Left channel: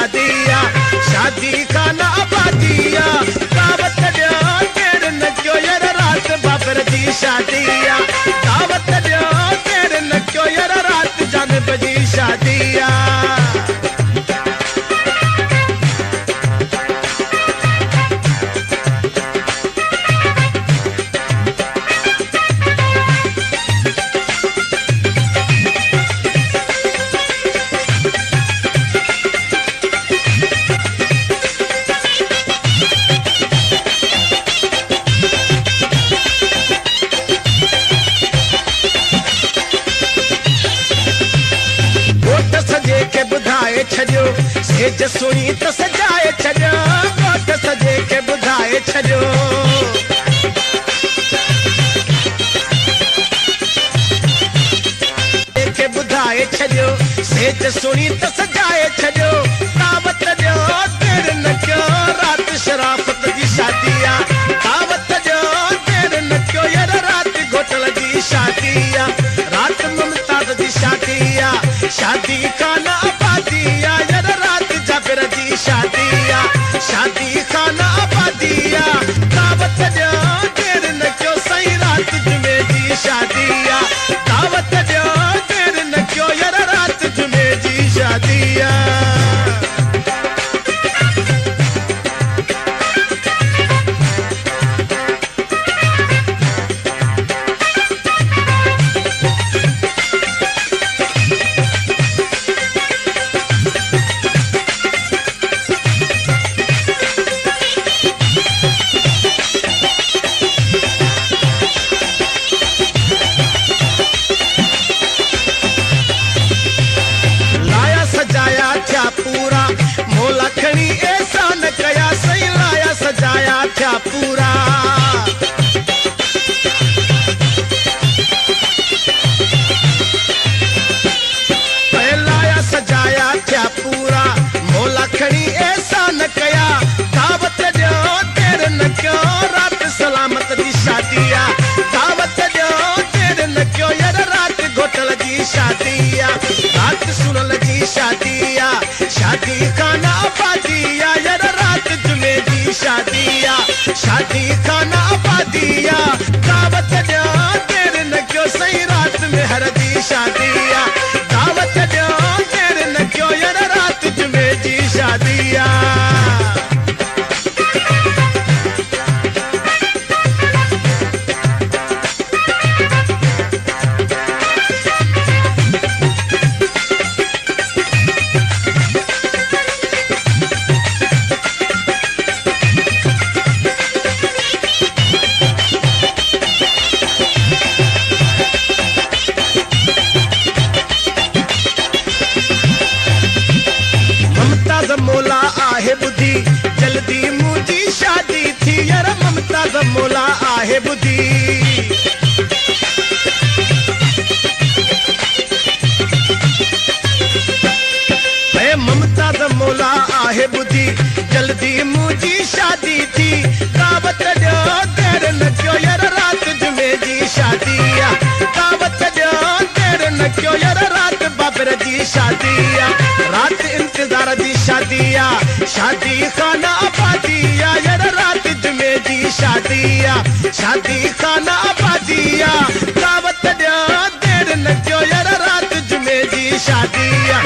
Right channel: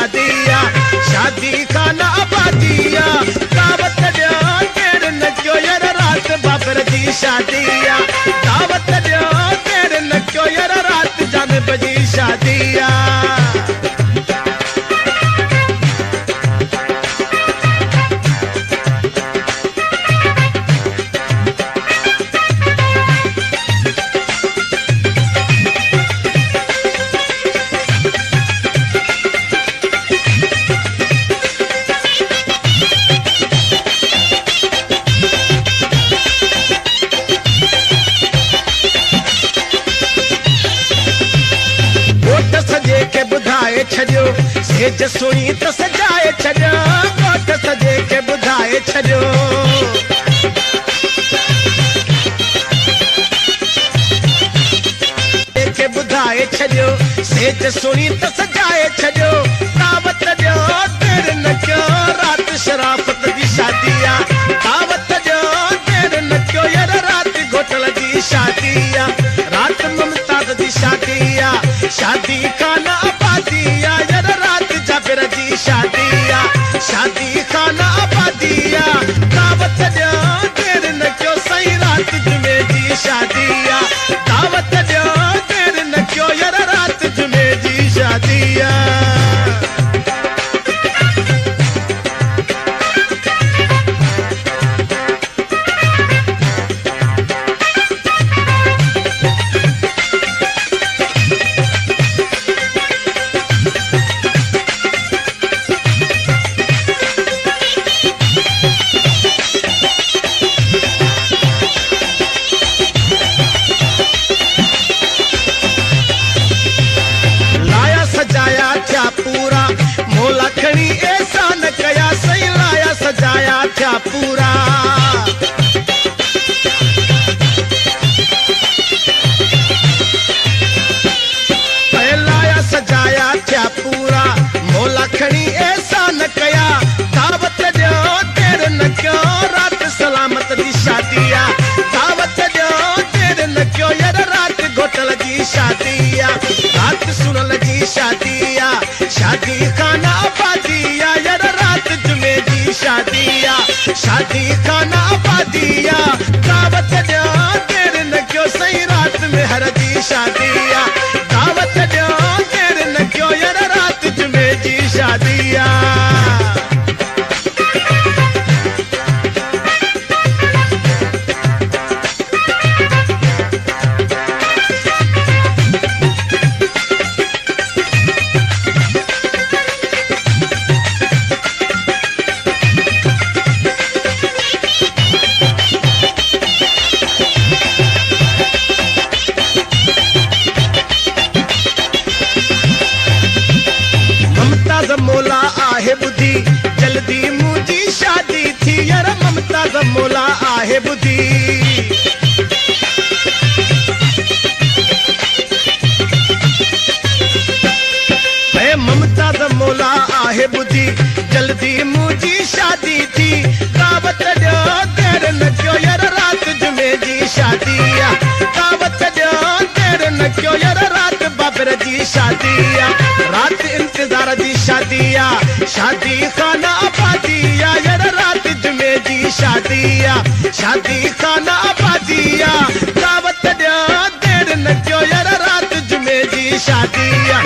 शादिया शादी खाना आबादिया दावत दो देर न क्यों यार रात बाबर दी शादिया दावत दो देर न क्यों यार रात जान बजी शादिया के बुधाए छजो सेज सुनी तो सजाए छजो गोट सजे के बुधाए छजो के बुधाए छजो सेज सुनी तो सजाए छजो दावत दो देर न क्यों रात शराफत दी शादिया दावत दो देर न क्यों यार रात घोटल दी शादिया रात मुमताज दी शादिया शादी खाना आबादिया यार रात जाबिर दी शादिया शादी खाना आबादिया दावत दो देर न क्यों सही रात जुमे दी शादिया दावत दो देर न क्यों यार रात जुमे दी शादिया शादिया दावत दो देर न क्यों यार रात घोटल दी शादिया बात सुन लगी शादिया शादी खाना आबादिया यार रात जुमे दी शादिया शादी खाना आबादिया दावत दो देर न क्यों सही रात में हर दी शादिया दावत दो देर न क्यों यार रात जुमे दी शादिया मोला आहे बुद्धि जल्दी मुझी शादी थी यार मुमताज मोला आहे बुद्धि मुमताज मोला आहे बुद्धि जल्दी मुझी शादी थी दावत दो देर न क्यों यार रात जुमे दी शादिया दावत दो देर न क्यों यार रात बाबर दी शादिया रात इंतजार दी शादिया शादी खाना आबादिया यार रात जुमे दी शादिया शादी खाना आबादिया दावत दो देर न क्यों यार रात जुमे दी शादिया